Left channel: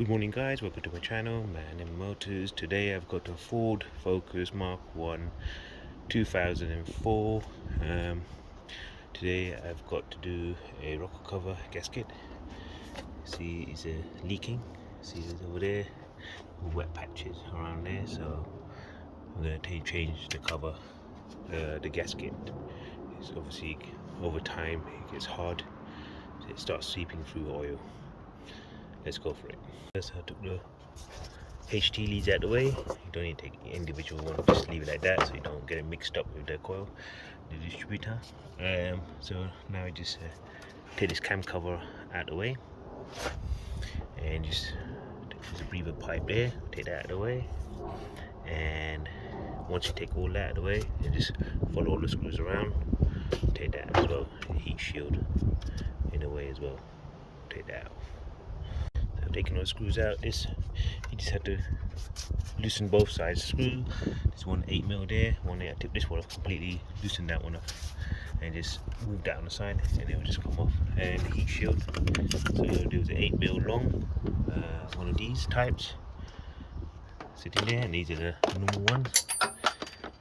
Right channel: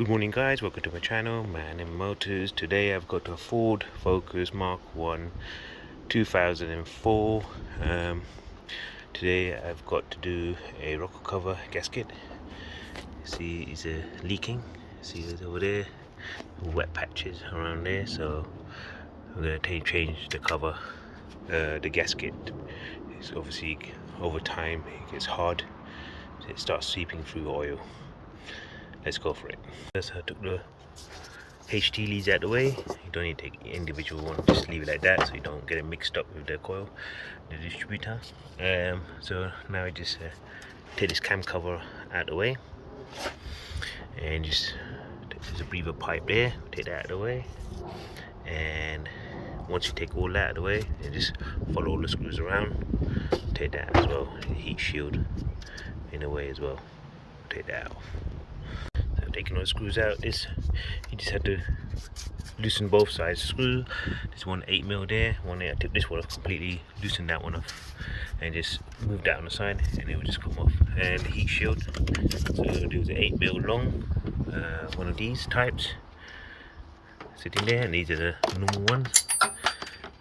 Good morning guys, welcome to my channel, Man and Motors. Today I've got a Ford Focus Mark 1 2004. Today I've got to do a rocker cover gasket. See, it's leaking. See, it's over there, wet patches around there. So I'm going to change the cover, the gasket. It's obviously over time it gets hard, so it starts seeping through oil. Let's go for it. First I took the HT leads out of the way. You don't need to take individual one, just leave it like that so you don't get it mixed up with the coil, the distributor. So now I just take this cam cover out of the way, and just there's a breather pipe there, take that out of the way. And once you take all that out of the way, you just follow all the screws around, take that as well, heat shield in a way as well, take that out. Taking all the screws out, this you just have to loosen both sides screw. There's one 8mm there, one there. I took this one off completely, loosened that one off, and just moved that on the side, and it will just come off. And the heat shield, so there was an 8mm long, one of these types sitting there, and these are the normal ones.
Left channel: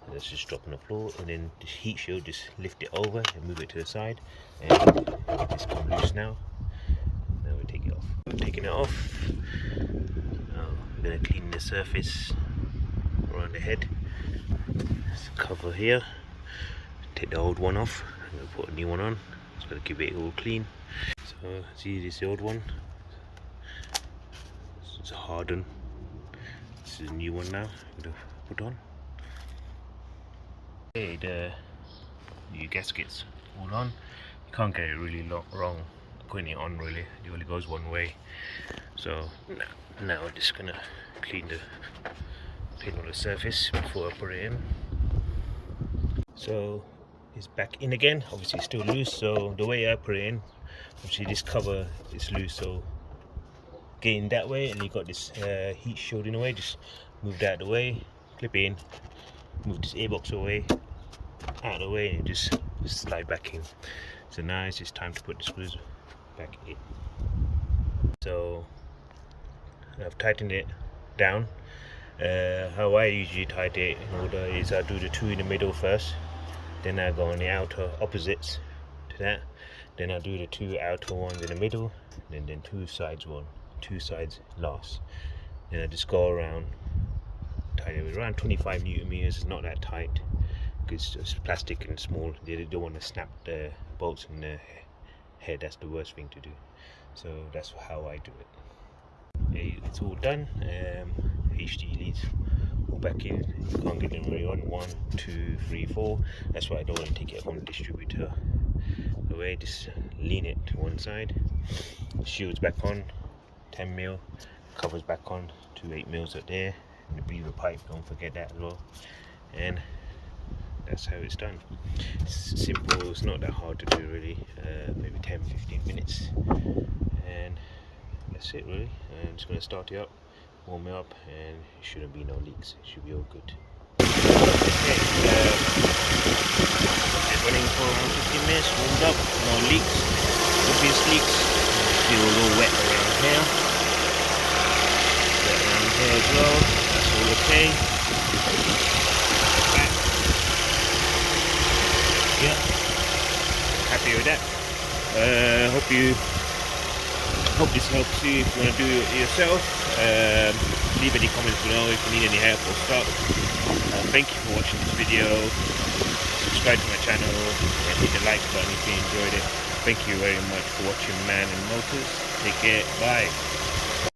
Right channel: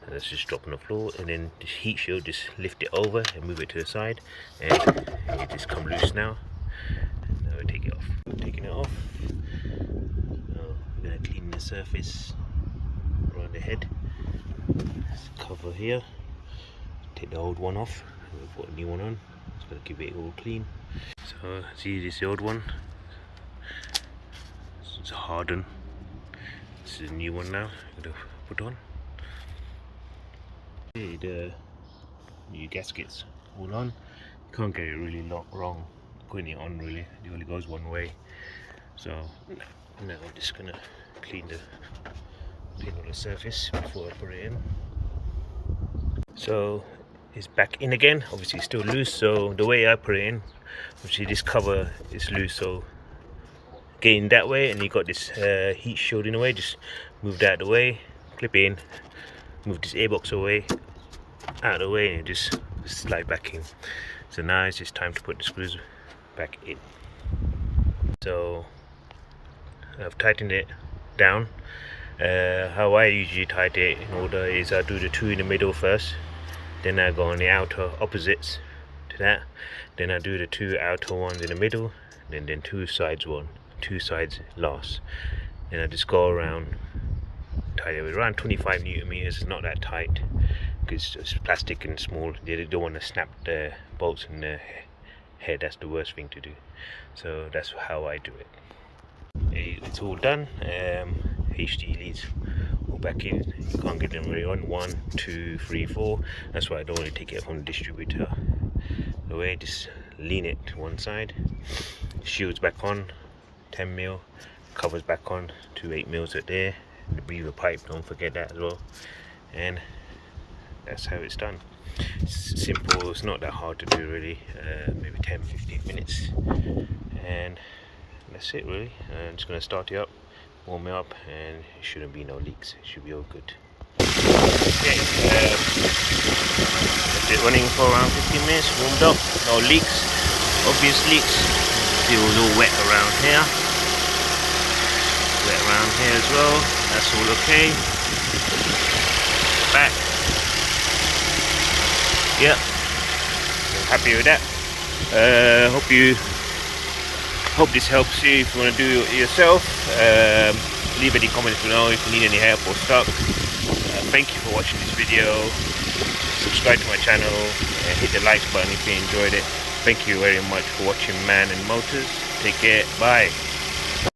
And that's just drop on the floor, and then this heat shield, just lift it over and move it to the side, and it just come loose now. Now we take it off. Taking it off. Now we're going to clean the surface around the head. This cover here. Take the old one off. I'm going to put a new one on. Just going to keep it all clean. So see, this is the old one. It's hardened. This is a new one now. I'm going to put on. Okay, the new gaskets all on. You can't get it really wrong putting it on, really. It only goes one way. So now I'm just gonna clean all the surface before I put it in. So it's back in again. Obviously it's still loose, so the way I put it in, obviously this cover is loose, so getting that way, and you got this heat shield in the way, just move that out of the way, clip it in, move this airbox away, out of the way, and it just slide back in. So now it's just time to put the screws back in. So I've tightened it down. How I usually tighten it in order is I do the two in the middle first, then I go on the outer opposites to that, then I do the two outer ones in the middle, then two sides last. Then I just go around, tight it with around 25 Newton meters. It's not that tight because it's plastic and small. They don't want to snap the bolts in the head. That's the worst thing to do. So that's how I do it. It's all done. HD leads all back in. You can't get them really on. 1, 2, 3, 4. That's why I don't want to take it from the distributor away. Just lean it to one side. Shields back on, 10mm. Covers back on, 2 8mm at there. And the breather pipe, don't forget that as well. And that's how it's done. It's simple, it's not that hard to do really. Maybe 10-15 minutes, and that's it really. I'm just going to start it up, warm it up, and it shouldn't be no leaks. It should be all good. Okay, it's running for around 15 minutes, warmed up, no leaks, obvious leaks. See, it was all wet around here, as well. That's all okay. Back. Yeah, happy with that. Hope this helps you if you want to do it yourself. Leave any comments below if you need any help or stuck. Thank you for watching this video. Subscribe to my channel and hit the like button if you enjoyed it. Thank you very much for watching Man and Motors. Take care. Bye.